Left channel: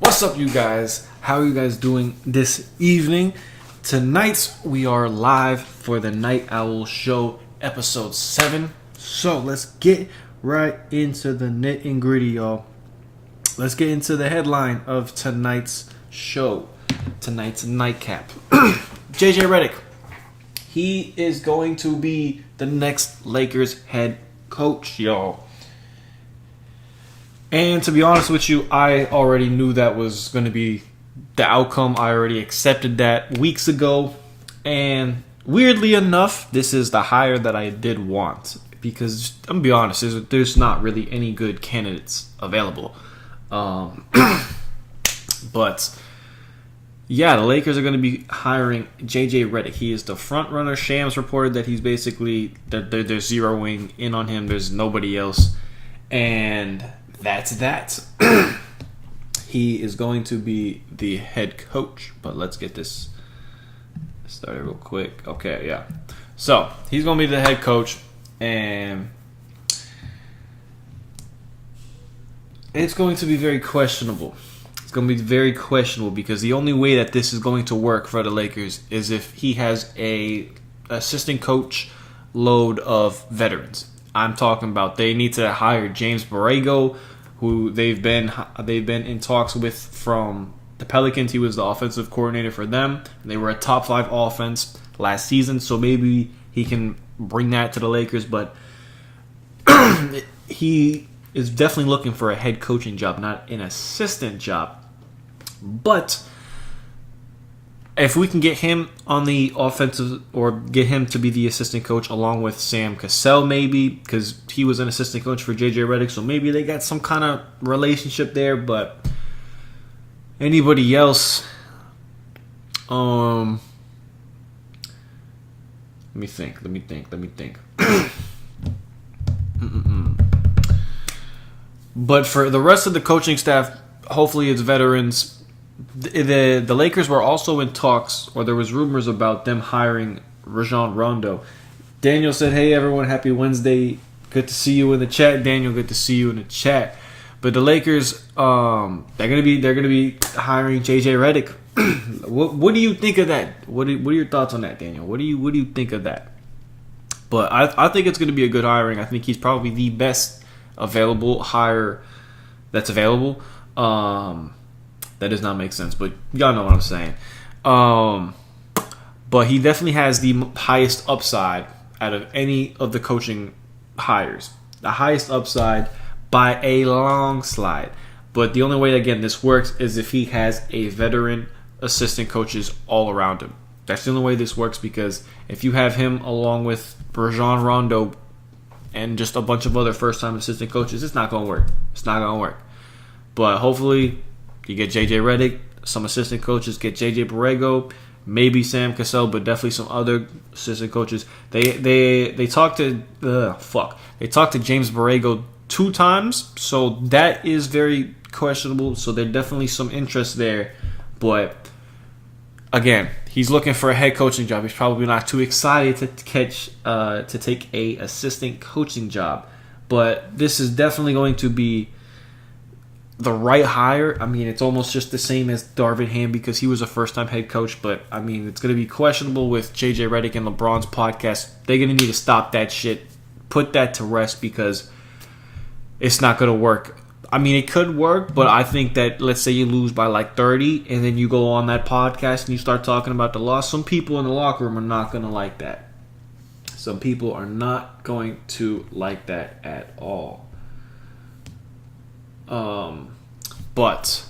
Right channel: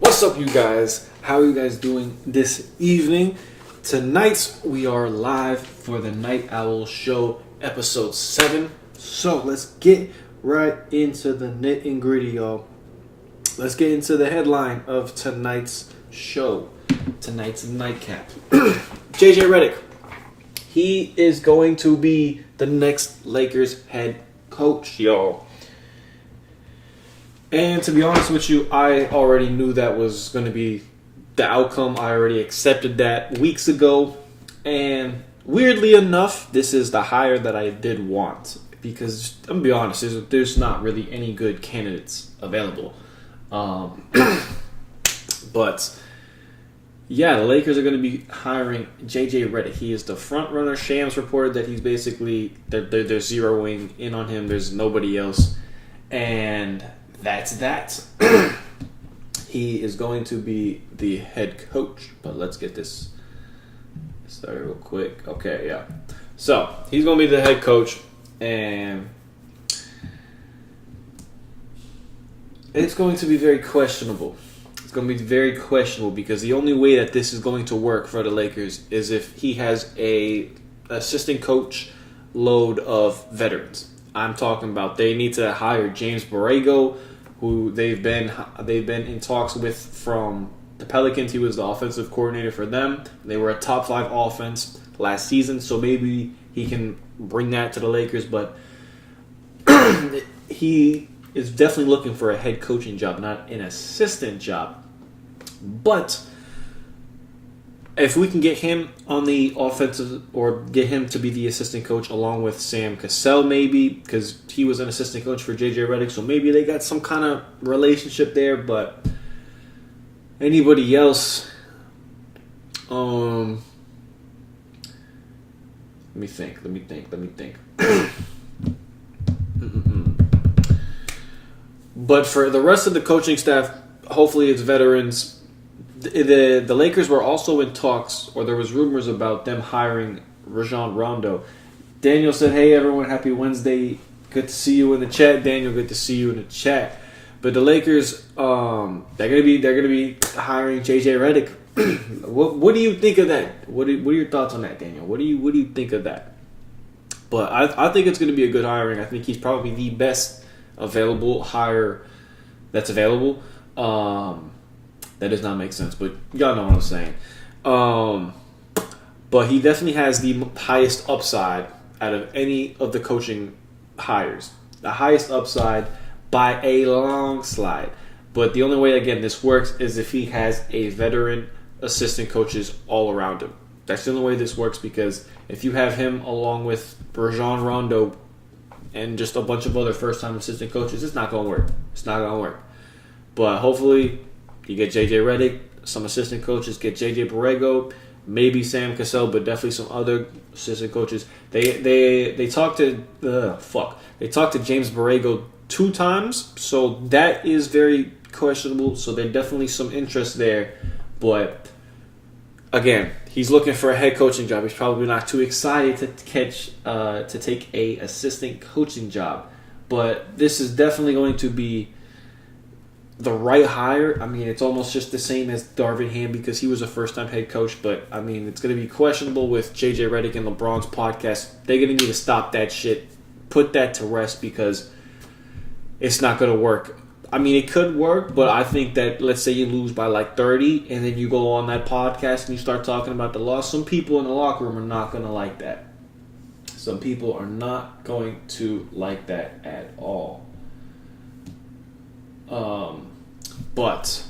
What's up, you guys? How are you guys doing this evening? Tonight we are live for the Night Owl Show, episode 7. So let's get right into the nit and gritty, y'all. Let's get into the headline of tonight's show, tonight's nightcap. JJ Reddick, he is going to be the next Lakers head coach, y'all. And to be honest with you, I already knew that was going to be the outcome. I already accepted that weeks ago. And weirdly enough, this is the hire that I did want. Because, I'm going to be honest, there's not really any good candidates available. But, yeah, the Lakers are going to be hiring JJ Reddick. He is the front runner. Shams reported that he's basically, they're zeroing in on him. There's nobody else. And that's that. He is going to be the head coach. But let's get this started real quick. Okay, yeah. So, he's going to be the head coach. And it's going to be very questionable. It's going to be very questionable because the only way that this is going to work for the Lakers is if he has a assistant coach load of veterans. I'm talking about they need to hire James Borrego, who they've been in talks with from the Pelicans. He was the offensive coordinator for them. They were a top 5 offense last season, so maybe he can bring that to the Lakers. But he is definitely looking for a head coaching job, not an assistant job. But if we can get him on the offensive or get him to be the assistant coach along with Sam Cassell maybe, because he was an assistant coach for JJ Reddick, so maybe they got some kind of relationship there. But anybody else, let me think. But for the rest of the coaching staff, hopefully it's veterans. The Lakers were also in talks, or there was rumors about them hiring Rajon Rondo. Daniel said, "Hey everyone, happy Wednesday. Good to see you in the chat." Daniel, good to see you in the chat. But the Lakers, they're gonna be hiring JJ Reddick. What do you think of that? What are your thoughts on that, Daniel? What do you think of that? But I think it's gonna be a good hiring. I think he's probably the best available hire that's available. That does not make sense, but y'all know what I'm saying. But he definitely has the highest upside out of any of the coaching hires. The highest upside by a long slide. But the only way, again, this works is if he has a veteran assistant coaches all around him. That's the only way this works, because if you have him along with Rajon Rondo and just a bunch of other first-time assistant coaches, it's not going to work. It's not going to work. But hopefully you get JJ Reddick, some assistant coaches, get JJ Borrego, maybe Sam Cassell, but definitely some other assistant coaches. They talked to James Borrego 2 times, so that is very questionable. So there's definitely some interest there. But again, he's looking for a head coaching job. He's probably not too excited to take a assistant coaching job. But this is definitely going to be the right hire. I mean, it's almost just the same as Darvin Ham because he was a first-time head coach. But, I mean, it's going to be questionable with JJ Reddick and LeBron's podcast. They're going to need to stop that shit, put that to rest, because it's not going to work. I mean, it could work, but I think that, let's say you lose by like 30, and then you go on that podcast and you start talking about the loss. Some people in the locker room are not going to like that. Some people are not going to like that at all. But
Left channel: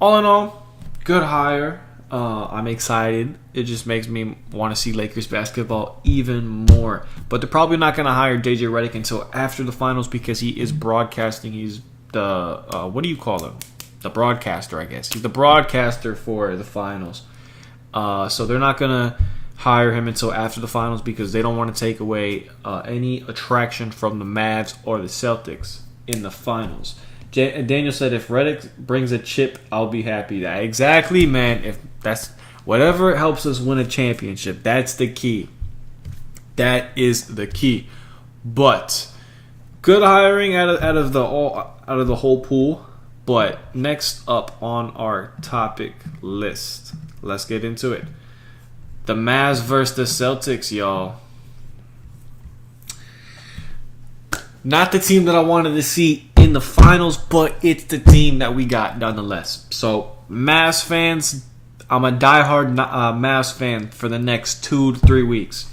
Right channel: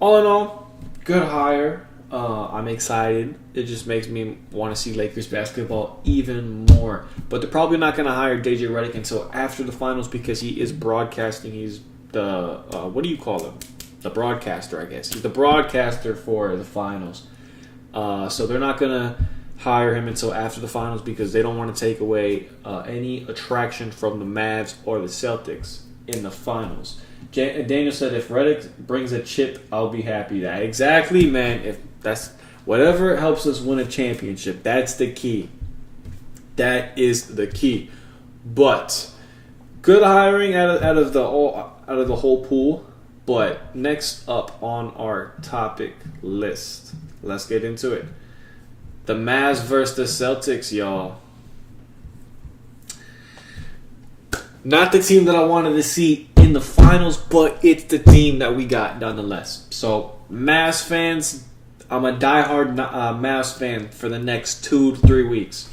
all in all, good hire. I'm excited. It just makes me want to see Lakers basketball even more. But they're probably not going to hire JJ Reddick until after the finals, because he is broadcasting. He's the what do you call him? The broadcaster, I guess. He's the broadcaster for the finals. So they're not going to hire him until after the finals, because they don't want to take away any attraction from the Mavs or the Celtics in the finals. Daniel said, if Reddick brings a chip, I'll be happy. Exactly, man. If that's whatever helps us win a championship, that's the key. That is the key. But good hiring out of the whole pool. But next up on our topic list, let's get into it. The Mavs versus the Celtics, y'all. Not the team that I wanted to see in the finals, but it's the team that we got nonetheless. So, Mavs fans, I'm a diehard Mavs fan for the next 2 to 3 weeks.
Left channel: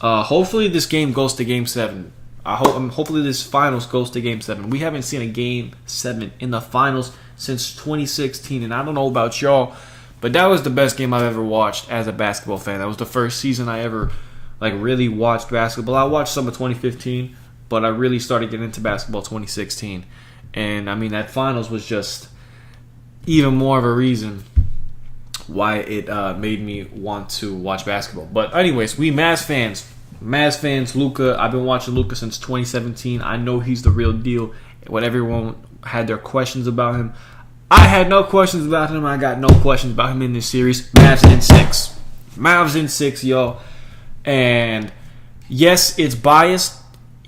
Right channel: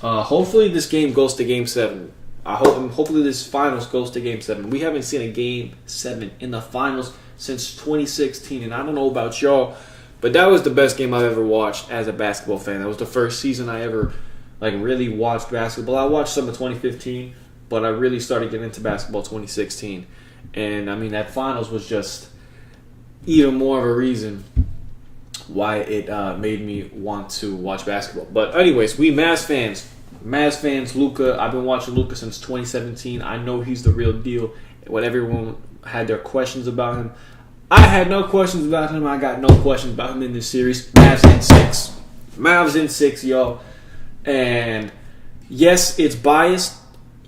Hopefully this game goes to Game 7. Hopefully this finals goes to Game 7. We haven't seen a Game 7 in the finals since 2016, and I don't know about y'all, but that was the best game I've ever watched as a basketball fan. That was the first season I ever really watched basketball. I watched some of 2015, but I really started getting into basketball 2016. And, I mean, that finals was just even more of a reason why it made me want to watch basketball. But anyways, we Mavs fans, Luka. I've been watching Luka since 2017. I know he's the real deal. When everyone had their questions about him, I had no questions about him. I got no questions about him in this series. Mavs in 6, y'all. And yes, it's biased.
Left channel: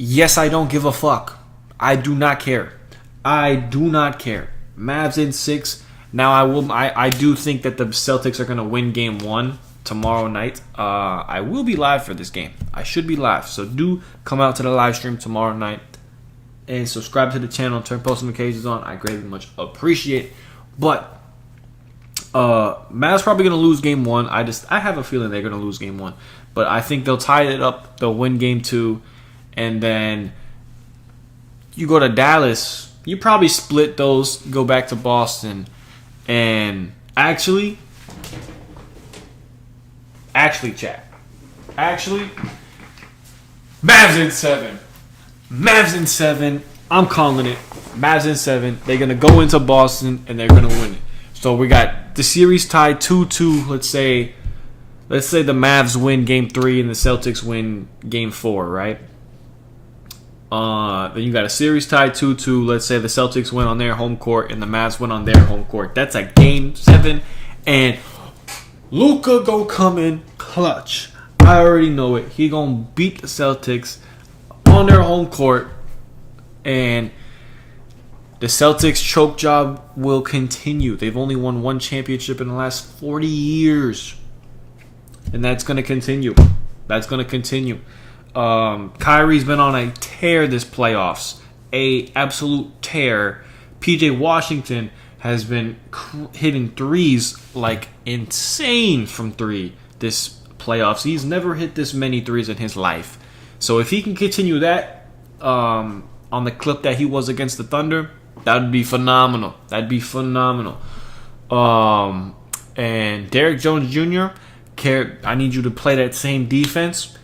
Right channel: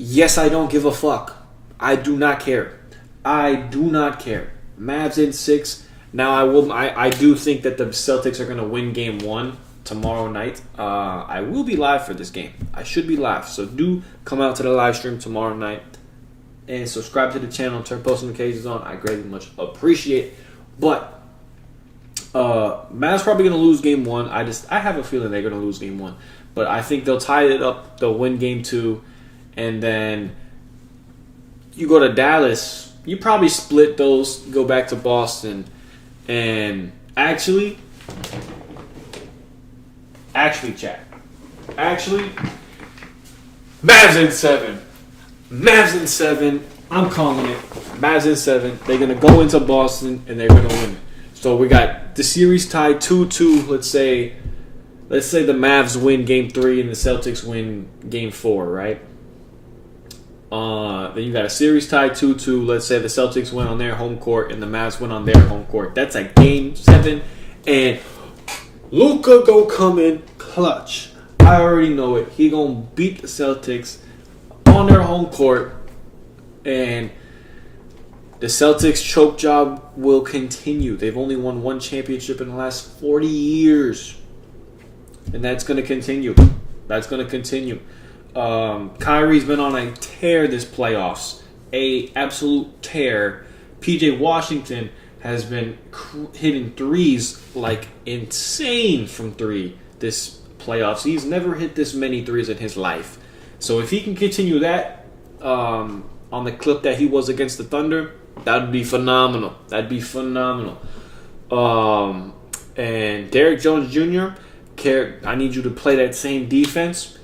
Yes, I don't give a fuck. I do not care. Mavs in 6. Now I do think that the Celtics are going to win Game 1 tomorrow night. I will be live for this game. I should be live. So do come out to the live stream tomorrow night and subscribe to the channel and turn post notifications on. I greatly much appreciate it. But Mavs probably going to lose Game 1. I have a feeling they're going to lose Game 1. But I think they'll tie it up. They'll win Game 2. And then you go to Dallas. You probably split those, go back to Boston. And actually, chat. Mavs in 7. I'm calling it. Mavs in 7. They're going to go into Boston, and they're going to win it. So we got the series tied 2-2. Let's say the Mavs win Game 3 and the Celtics win Game 4, right? Then you got a series tied 2-2. Let's say the Celtics win on their home court and the Mavs win on their home court. That's a Game 7. And Luka go come in clutch. I already know it. He gonna beat the Celtics on their home court. And the Celtics choke job will continue. They've only won one championship in the last 40 years. And that's going to continue. Kyrie's been on a tear this playoffs. A absolute tear. PJ Washington has been hitting threes like insane from 3 this playoffs. He's never hit this many threes in his life. So if he can continue that on the clip that he was against the Thunder, that'd be phenomenal. And Derrick Jones Jr., I need you to play that same defense.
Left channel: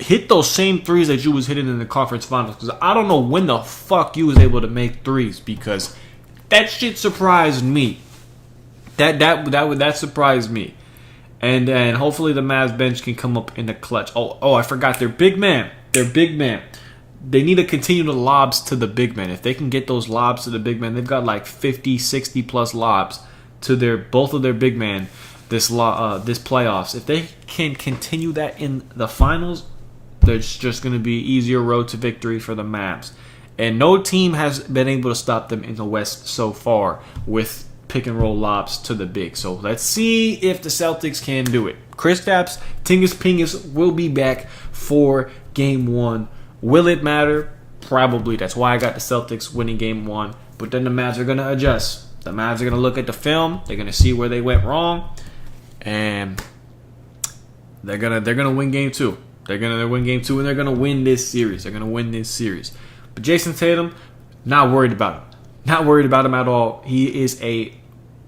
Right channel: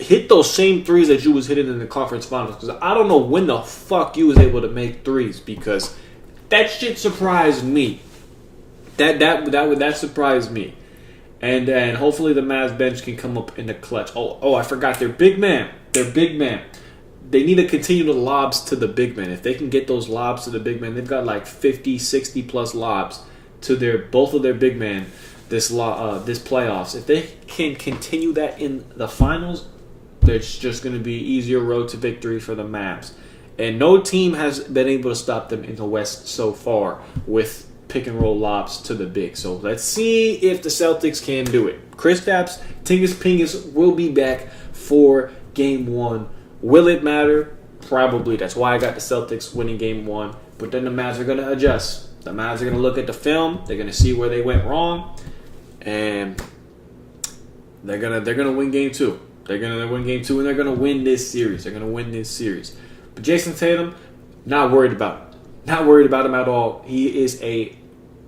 Hit those same threes that you was hitting in the conference finals. Because I don't know when the fuck you was able to make threes. Because that shit surprised me. That surprised me. And then hopefully the Mavs bench can come up in the clutch. Oh, I forgot their big man. They need to continue the lobs to the big man. If they can get those lobs to the big man, they've got like 50, 60 plus lobs to both of their big man this playoffs. If they can continue that in the finals, there's just going to be easier road to victory for the Mavs. And no team has been able to stop them in the West so far with pick and roll lobs to the big. So let's see if the Celtics can do it. Kristaps Porzingis will be back for Game 1. Will it matter? Probably. That's why I got the Celtics winning Game 1. But then the Mavs are going to adjust. The Mavs are going to look at the film. They're going to see where they went wrong. And they're gonna win Game 2. They're gonna win Game 2, and they're gonna win this series. But Jason Tatum, not worried about him. Not worried about him at all. He is a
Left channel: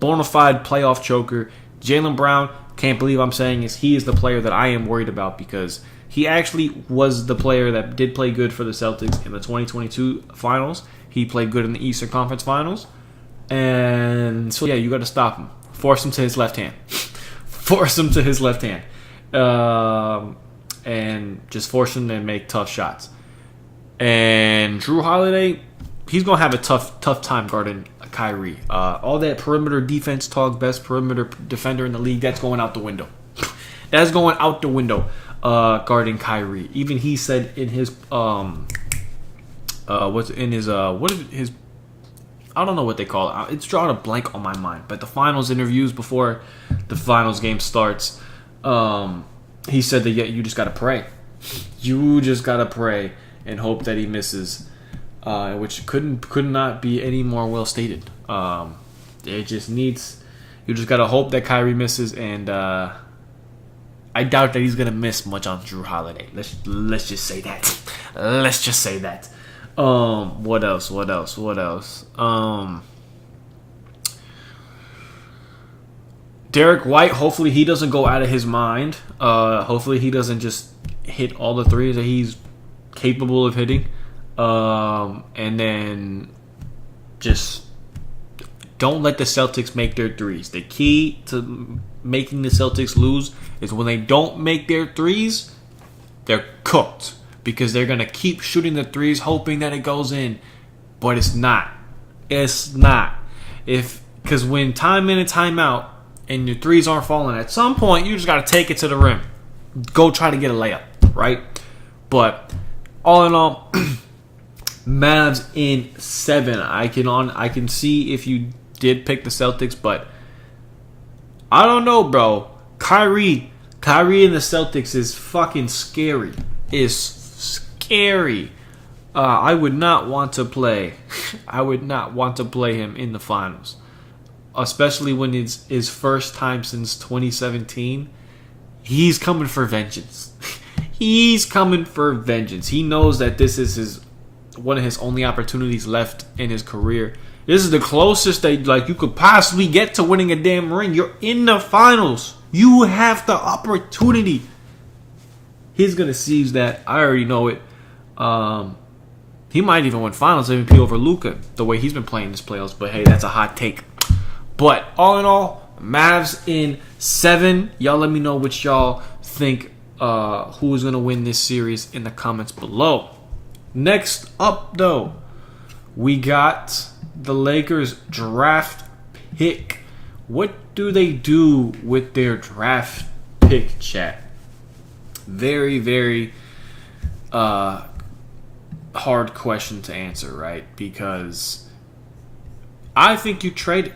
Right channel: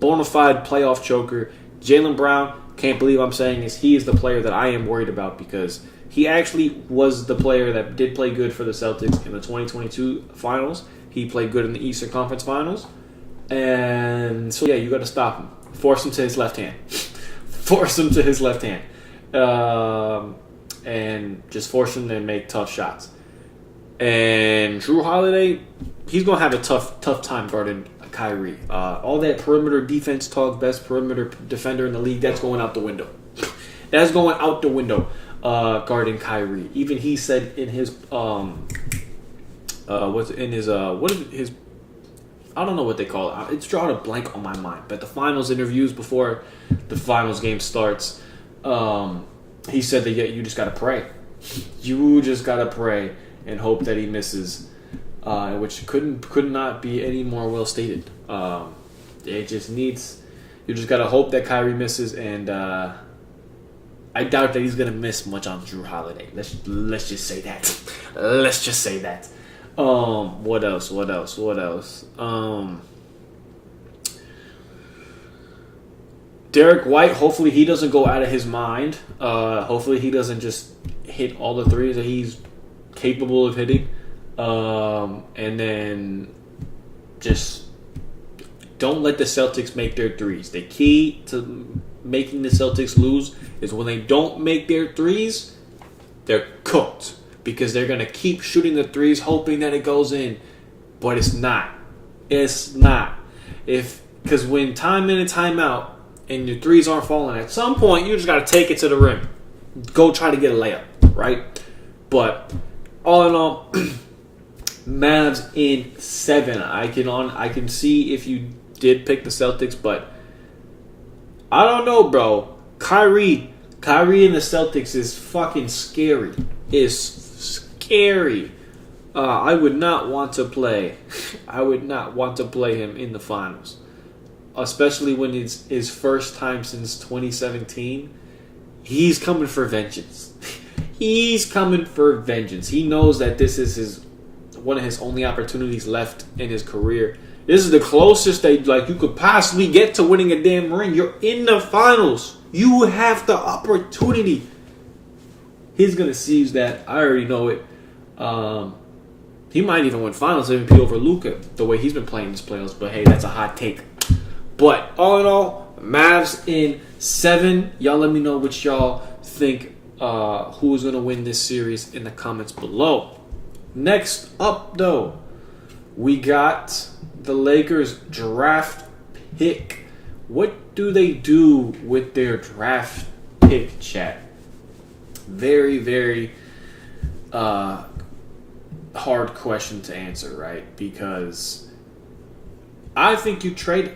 bona fide playoff choker. Jaylen Brown, can't believe I'm saying this. He is the player that I am worried about because he actually was the player that did play good for the Celtics in the 2022 finals. He played good in the Eastern Conference Finals. And so, yeah, you got to stop him. Force him to his left hand. And just force him to make tough shots. And Drew Holiday, he's going to have a tough time guarding Kyrie. All that perimeter defense talk, best perimeter defender in the league, that's going out the window. Guarding Kyrie. Even he said in his I don't know what they call it. It's drawing a blank on my mind. But the finals interviews before the finals game starts, he said that you just gotta pray. You just gotta pray and hope that he misses, which could not be any more well stated. It just needs. You just gotta hope that Kyrie misses, and I doubt that he's gonna miss much on Drew Holiday. Let's just say that. Let's just say that. What else? Derek White, hopefully he doesn't go out of his mind. Hopefully he doesn't just hit all the threes that he's capable of hitting. And then just don't let the Celtics make their threes. The key to making the Celtics lose is when they don't make their threes, they're cooked. Because they're going to keep shooting the threes hoping that it goes in. But it's not. It's not. Because when time in and time out and your threes aren't falling, at some point you just got to take it to the rim. Go try to get a layup, right? But all in all, Mavs in 7. I can see if you did pick the Celtics, but I don't know, bro. Kyrie in the Celtics is fucking scary. Is scary. I would not want to play. I would not want to play him in the finals, especially when it's his first time since 2017. He's coming for vengeance. He's coming for vengeance. He knows that this is one of his only opportunities left in his career. This is the closest that you could possibly get to winning a damn ring. You're in the finals. You have the opportunity. He's gonna seize that. I already know it. He might even win Finals MVP over Luka, the way he's been playing this playoffs. But hey, that's a hot take. But all in all, Mavs in 7. Y'all let me know what y'all think. Who is gonna win this series in the comments below. Next up, though, we got the Lakers draft pick. What do they do with their draft pick, chat? Very, very hard question to answer, right? Because I think you trade it.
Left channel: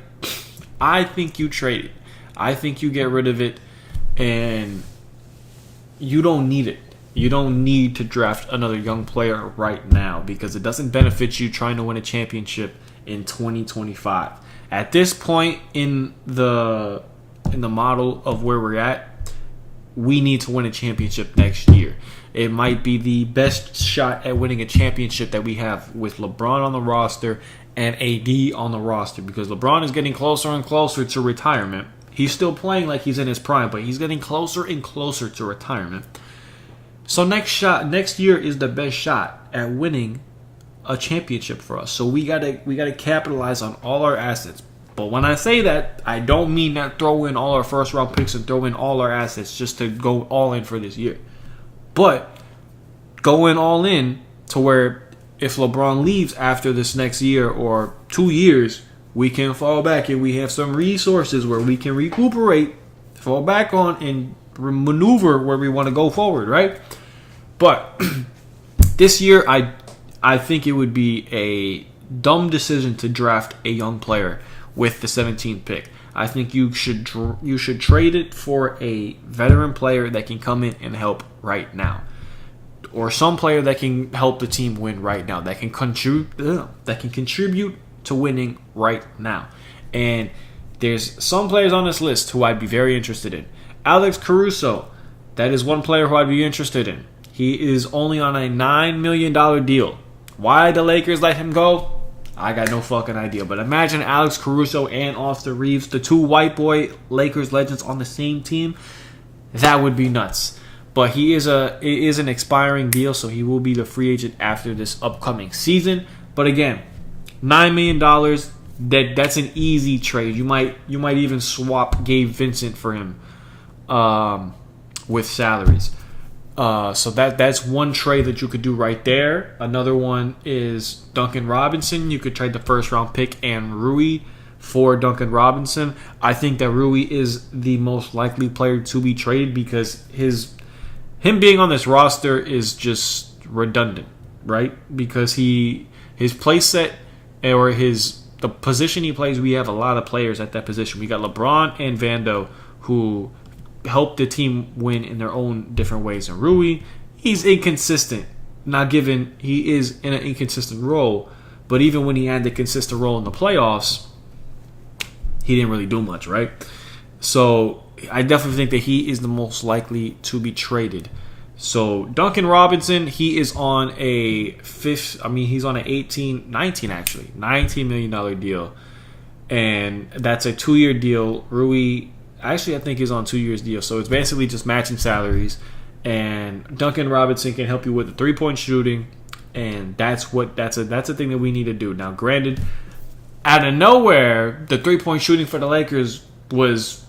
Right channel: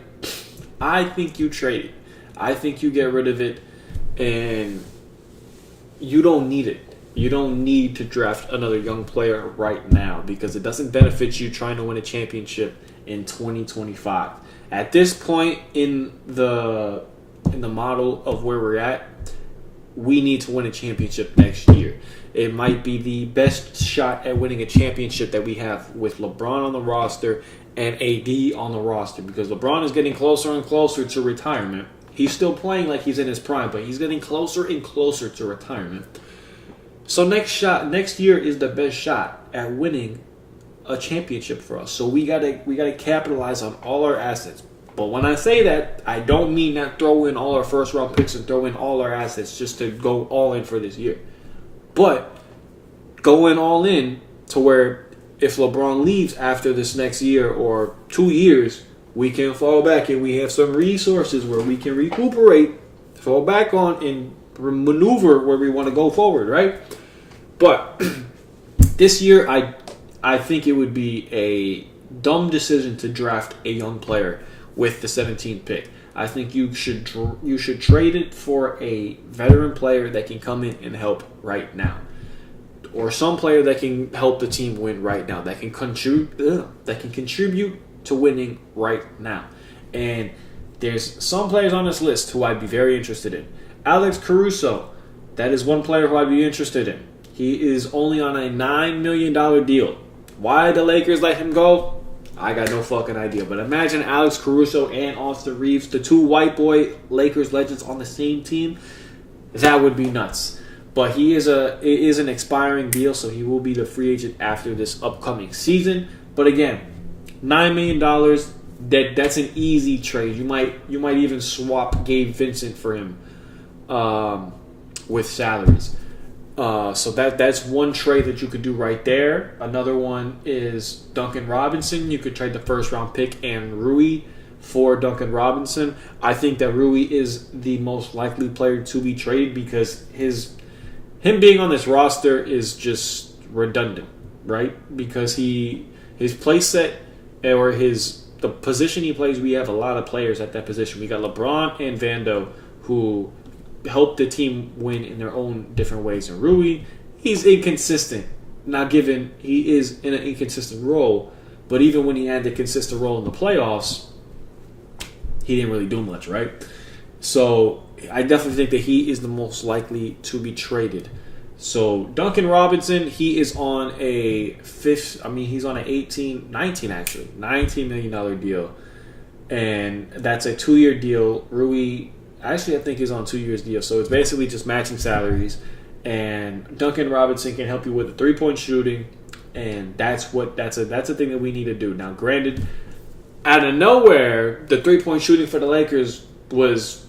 I think you get rid of it, and you don't need it. You don't need to draft another young player right now because it doesn't benefit you trying to win a championship in 2025. At this point in the model of where we're at, we need to win a championship next year. It might be the best shot at winning a championship that we have with LeBron on the roster and AD on the roster, because LeBron is getting closer and closer to retirement. He's still playing like he's in his prime, but he's getting closer and closer to retirement. So next year is the best shot at winning a championship for us. So we gotta capitalize on all our assets. But when I say that, I don't mean that throw in all our first round picks and throw in all our assets just to go all in for this year. But go in all in to where if LeBron leaves after this next year or 2 years, we can fall back and we have some resources where we can recuperate, fall back on, and maneuver where we want to go forward, right? But this year, I think it would be a dumb decision to draft a young player with the 17th pick. I think you should trade it for a veteran player that can come in and help right now, or some player that can help the team win right now, that can contribute to winning right now. And there's some players on this list who I'd be very interested in. Alex Caruso, that is one player who I'd be interested in. He is only on a $9 million deal. Why the Lakers let him go? I got no fucking idea. But imagine Alex Caruso and Austin Reeves, the two white boy Lakers legends, on the same team. That would be nuts. But it is an expiring deal, so he will be the free agent after this upcoming season. But again, $9 million, that's an easy trade. You might even swap Gabe Vincent for him with salaries. So that's one trade that you could do right there. Another one is Duncan Robinson. You could trade the first round pick and Rui for Duncan Robinson. I think that Rui is the most likely player to be traded because him being on this roster is just redundant, right? Because his play set or his the position he plays, we have a lot of players at that position. We got LeBron and Vando who help the team win in their own different ways. And Rui, he's inconsistent. Not given he is in an inconsistent role, but even when he had the consistent role in the playoffs, he didn't really do much, right? So I definitely think that he is the most likely to be traded. So Duncan Robinson, he is on a he's on an $19 million deal. And that's a 2-year deal. Rui, actually I think he's on 2 years deal. So it's basically just matching salaries. And Duncan Robinson can help you with the 3-point shooting. And that's a thing that we need to do. Now, granted, out of nowhere, the 3-point shooting for the Lakers was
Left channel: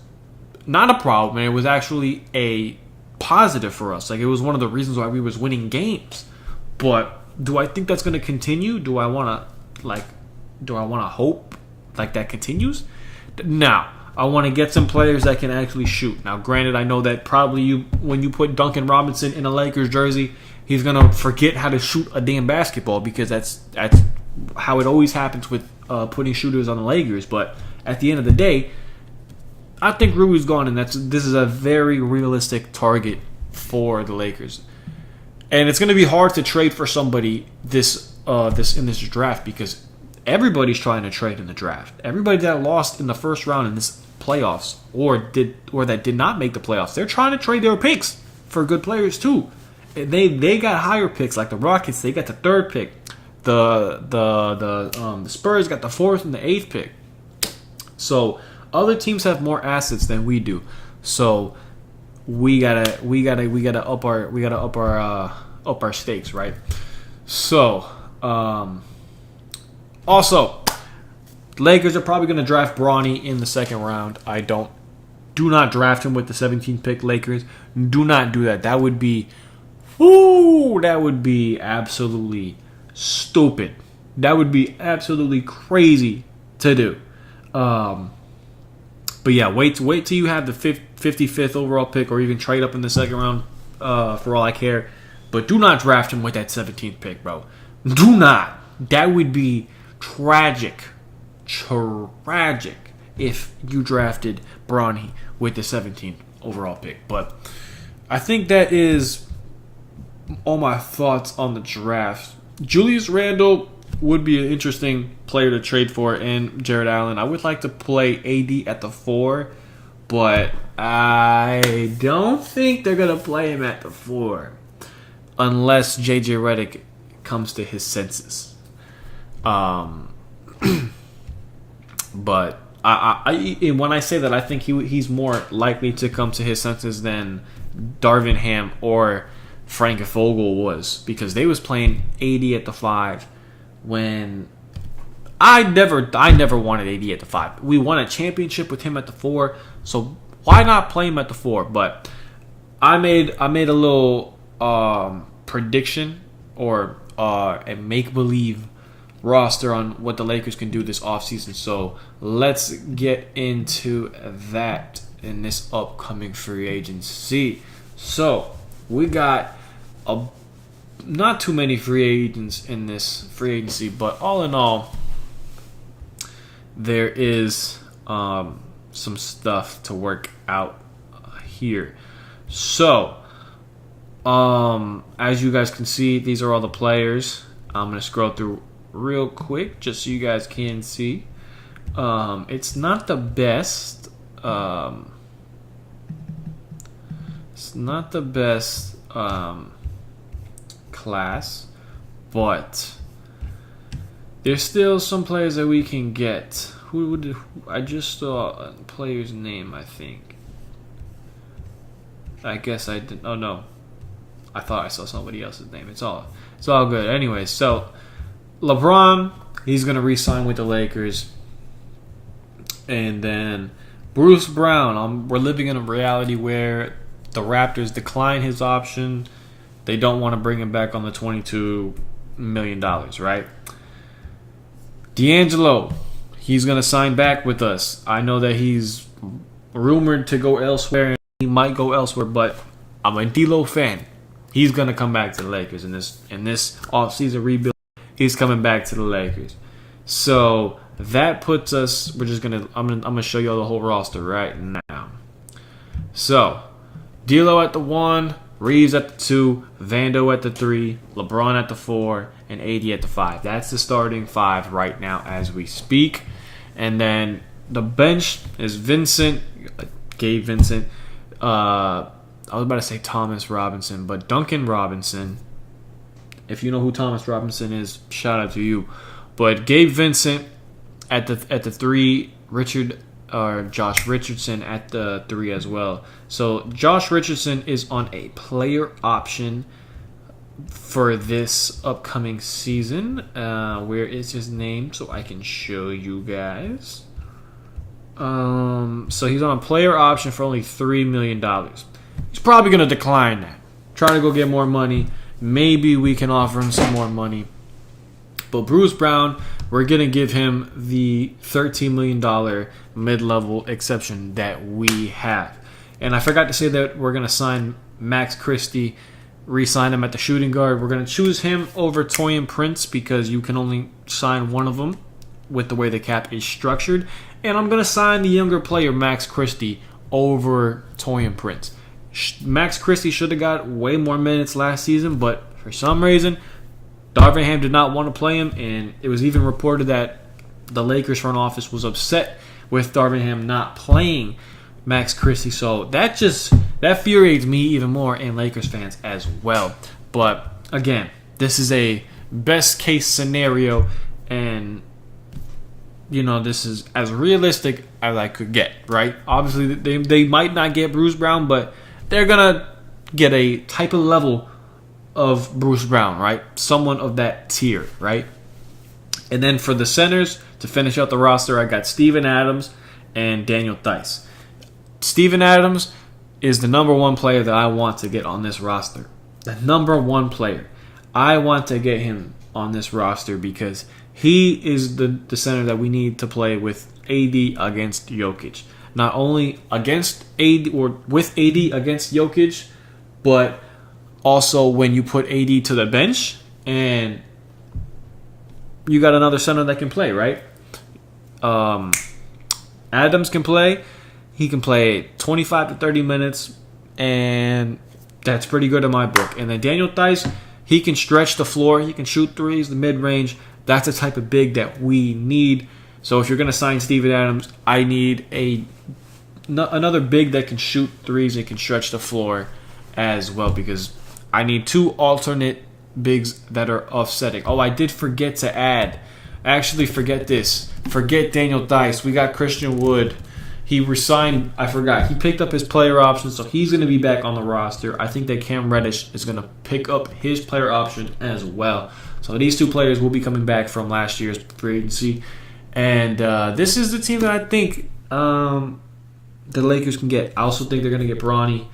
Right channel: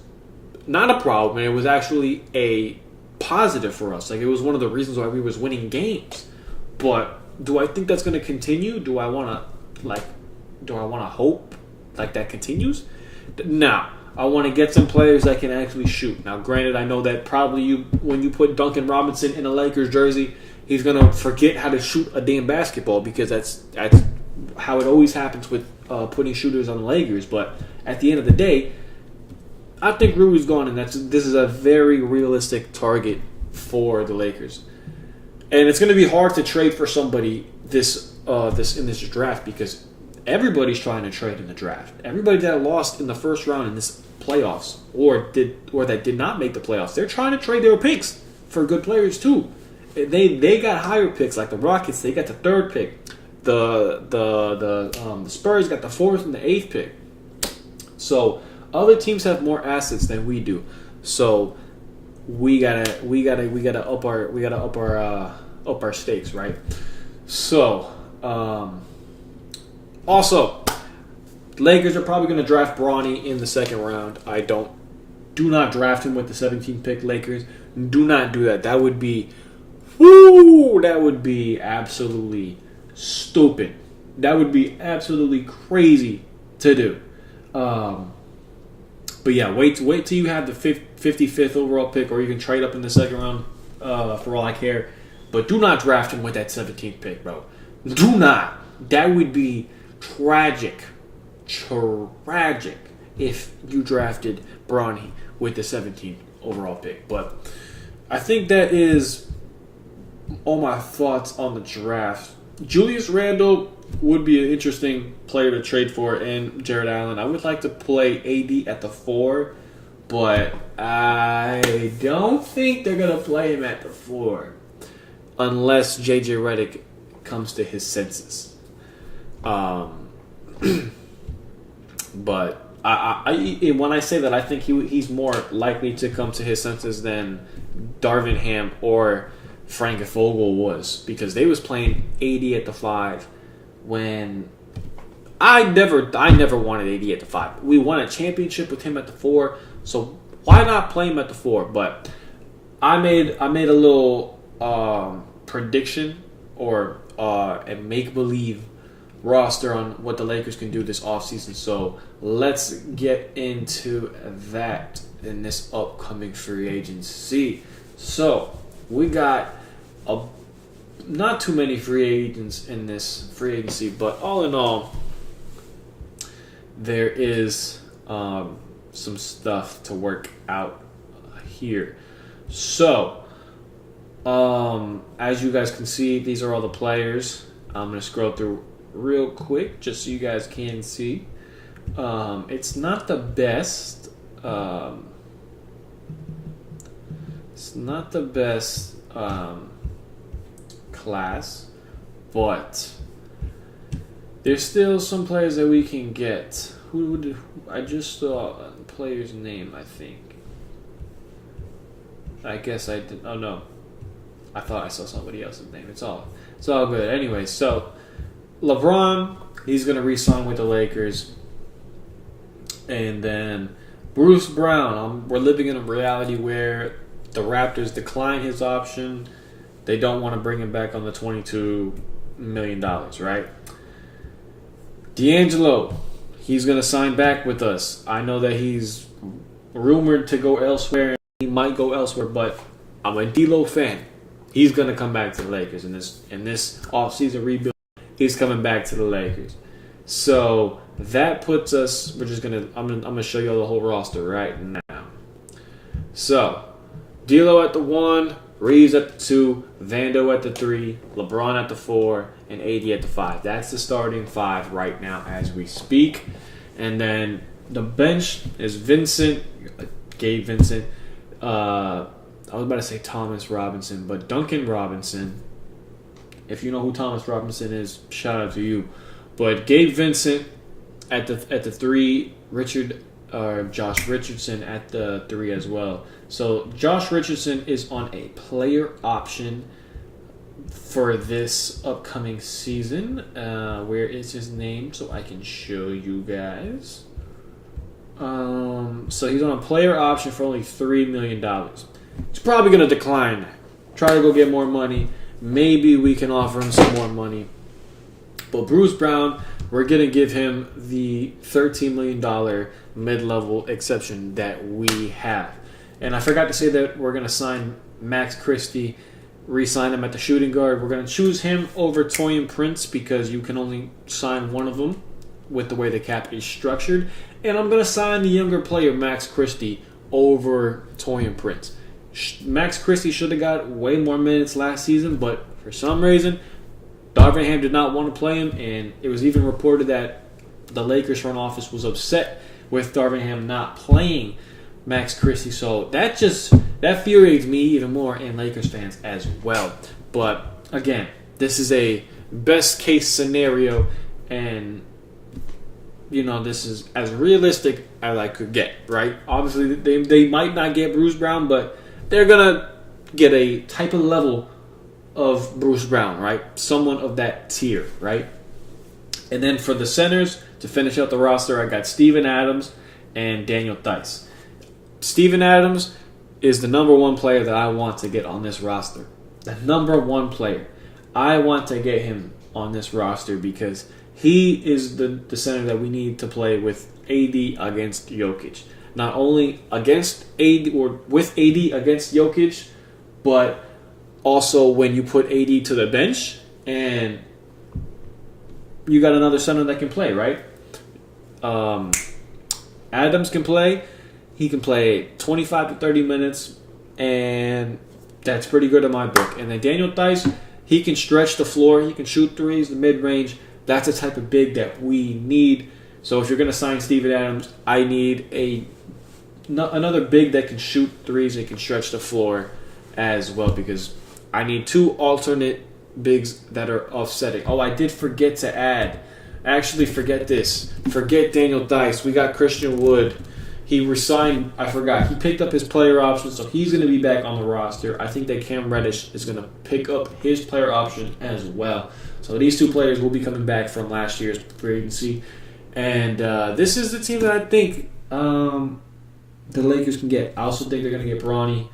not a problem. It was actually a positive for us. Like, it was one of the reasons why we was winning games. But do I think that's going to continue? Do I want to hope like that continues? Now, I want to get some players that can actually shoot. Now, granted, I know that probably when you put Duncan Robinson in a Lakers jersey, he's going to forget how to shoot a damn basketball because that's how it always happens with putting shooters on the Lakers. But at the end of the day, I think Rui's gone, and this is a very realistic target for the Lakers. And it's going to be hard to trade for somebody in this draft because everybody's trying to trade in the draft. Everybody that lost in the first round in this playoffs or that did not make the playoffs, they're trying to trade their picks for good players too. They got higher picks, like the Rockets. They got the 3rd pick. The Spurs got the 4th and the 8th pick. So other teams have more assets than we do. So we gotta up our stakes, right? So also, Lakers are probably going to draft Bronny in the 2nd round. Do not draft him with the 17th pick, Lakers. Do not do that. That would be absolutely stupid. That would be absolutely crazy to do. But yeah, wait till you have the 55th overall pick, or even trade up in the 2nd round. For all I care, but do not draft him with that 17th pick, bro. Do not. That would be tragic if you drafted Bronny with the 17th overall pick. But I think that is all my thoughts on the draft. Julius Randle would be an interesting player to trade for, and Jared Allen. I would like to play AD at the 4, but I don't think they're going to play him at the 4 unless JJ Reddick comes to his senses. But when I say that, I think he's more likely to come to his senses than Darvin Ham or Frank Vogel was, because they was playing AD at the 5 when I never wanted AD at the 5. We won a championship with him at the 4, so why not play him at the 4? But I made a little prediction or a make-believe roster on what the Lakers can do this offseason. So let's get into that in this upcoming free agency. So we got not too many free agents in this free agency, but all in all, there is some stuff to work out here. So as you guys can see, these are all the players. I'm going to scroll through real quick just so you guys can see. It's not the best. It's not the best class, but there's still some players that we can get. I just saw a player's name, I think. I guess I didn't. Oh no, I thought I saw somebody else's name. It's all good. Anyway, so LeBron, he's gonna re-sign with the Lakers, and then Bruce Brown. We're living in a reality where the Raptors decline his option. They don't want to bring him back on the $22 million, right? D'Angelo, he's going to sign back with us. I know that he's rumored to go elsewhere, and he might go elsewhere, but I'm a D'Lo fan. He's going to come back to the Lakers in this offseason rebuild. He's coming back to the Lakers. So that puts us. I'm gonna show you all the whole roster right now. So, D'Lo at the 1, Reeves at the 2, Vando at the 3, LeBron at the 4, and AD at the 5. That's the starting 5 right now as we speak. And then the bench is Vincent, Gabe Vincent. I was about to say Thomas Robinson, but Duncan Robinson. If you know who Thomas Robinson is, shout out to you. But Gabe Vincent at the 3, Josh Richardson at the 3 as well. So Josh Richardson is on a player option for this upcoming season. Where is his name so I can show you guys? So he's on a player option for only $3 million. He's probably going to decline that. Try to go get more money. Maybe we can offer him some more money. But Bruce Brown, we're going to give him the $13 million mid-level exception that we have. And I forgot to say that we're going to sign Max Christie, re-sign him at the shooting guard. We're going to choose him over Taurean Prince because you can only sign one of them with the way the cap is structured. And I'm going to sign the younger player, Max Christie, over Taurean Prince. Max Christie should have got way more minutes last season, but for some reason, Darvin Ham did not want to play him, and it was even reported that the Lakers front office was upset with Darvin Ham not playing Max Christie. So that infuriates me even more and Lakers fans as well. But again, this is a best case scenario, and this is as realistic as I could get, right? Obviously, they might not get Bruce Brown, but they're going to get a type of level of Bruce Brown, right? Someone of that tier, right? And then for the centers, to finish out the roster, I got Steven Adams and Daniel Theis. Steven Adams is the number one player that I want to get on this roster. The number one player. I want to get him on this roster because he is the center that we need to play with AD against Jokic. Not only against AD or with AD against Jokic, but also when you put AD to the bench and you got another center that can play, right? Adams can play. He can play 25 to 30 minutes, and that's pretty good in my book. And then Daniel Theis, he can stretch the floor. He can shoot threes, the mid-range. That's the type of big that we need. So if you're going to sign Steven Adams, I need another big that can shoot threes and can stretch the floor as well, because I need 2 alternate bigs that are offsetting. Oh, I did forget to add. Actually, forget this. Forget Daniel Theis. We got Christian Wood. He resigned. I forgot. He picked up his player option, so he's going to be back on the roster. I think that Cam Reddish is going to pick up his player option as well. So these 2 players will be coming back from last year's free agency. And this is the team that I think the Lakers can get. I also think they're going to get Bronny.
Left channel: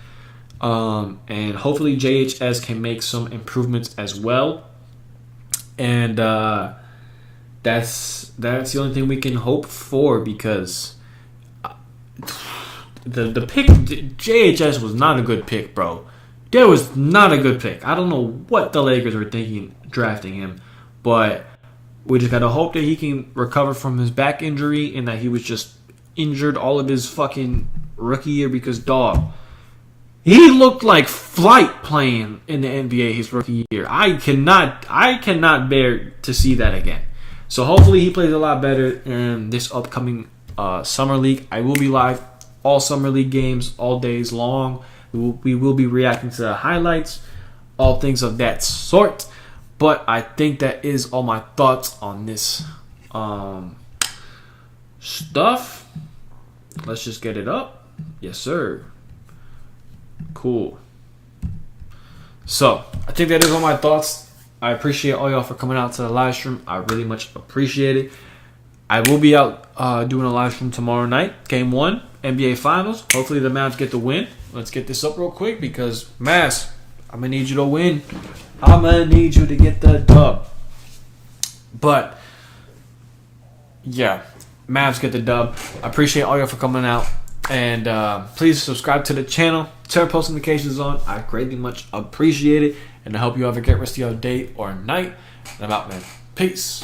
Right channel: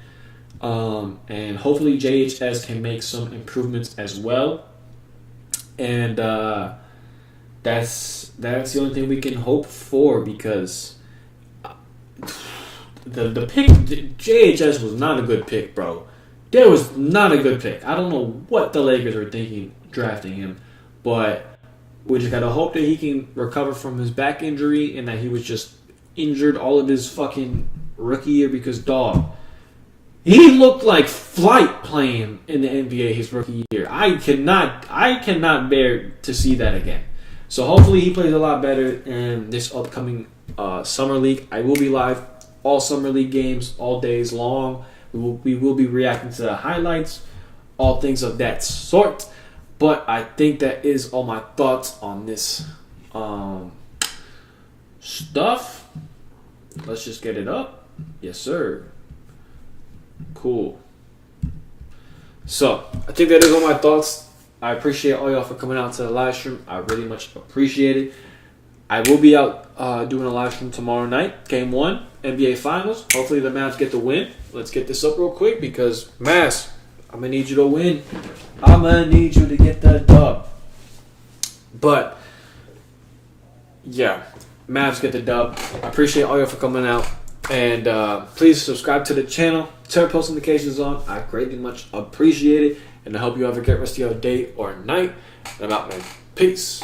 And hopefully JHS can make some improvements as well. And that's the only thing we can hope for, because the pick, JHS was not a good pick, bro. That was not a good pick. I don't know what the Lakers were thinking drafting him, but we just gotta hope that he can recover from his back injury and that he was just injured all of his fucking rookie year, because dog, he looked like Flight playing in the NBA his rookie year. I cannot bear to see that again. So hopefully he plays a lot better in this upcoming summer league. I will be live all summer league games, all days long. We will be reacting to the highlights, all things of that sort. But I think that is all my thoughts on this stuff. Let's just get it up. Yes, sir. Cool. So, I think that is all my thoughts. I appreciate all y'all for coming out to the live stream. I really much appreciate it. I will be out doing a live stream tomorrow night. Game 1, NBA Finals. Hopefully the Mavs get the win. Let's get this up real quick because, Mavs, I'm going to need you to win. I'm going to need you to get the dub. But, yeah, Mavs get the dub. I appreciate all y'all for coming out. And please subscribe to the channel. Turn post notifications on. I greatly much appreciate it. And I hope you have a great rest of your day or night. And I'm out, man. Peace.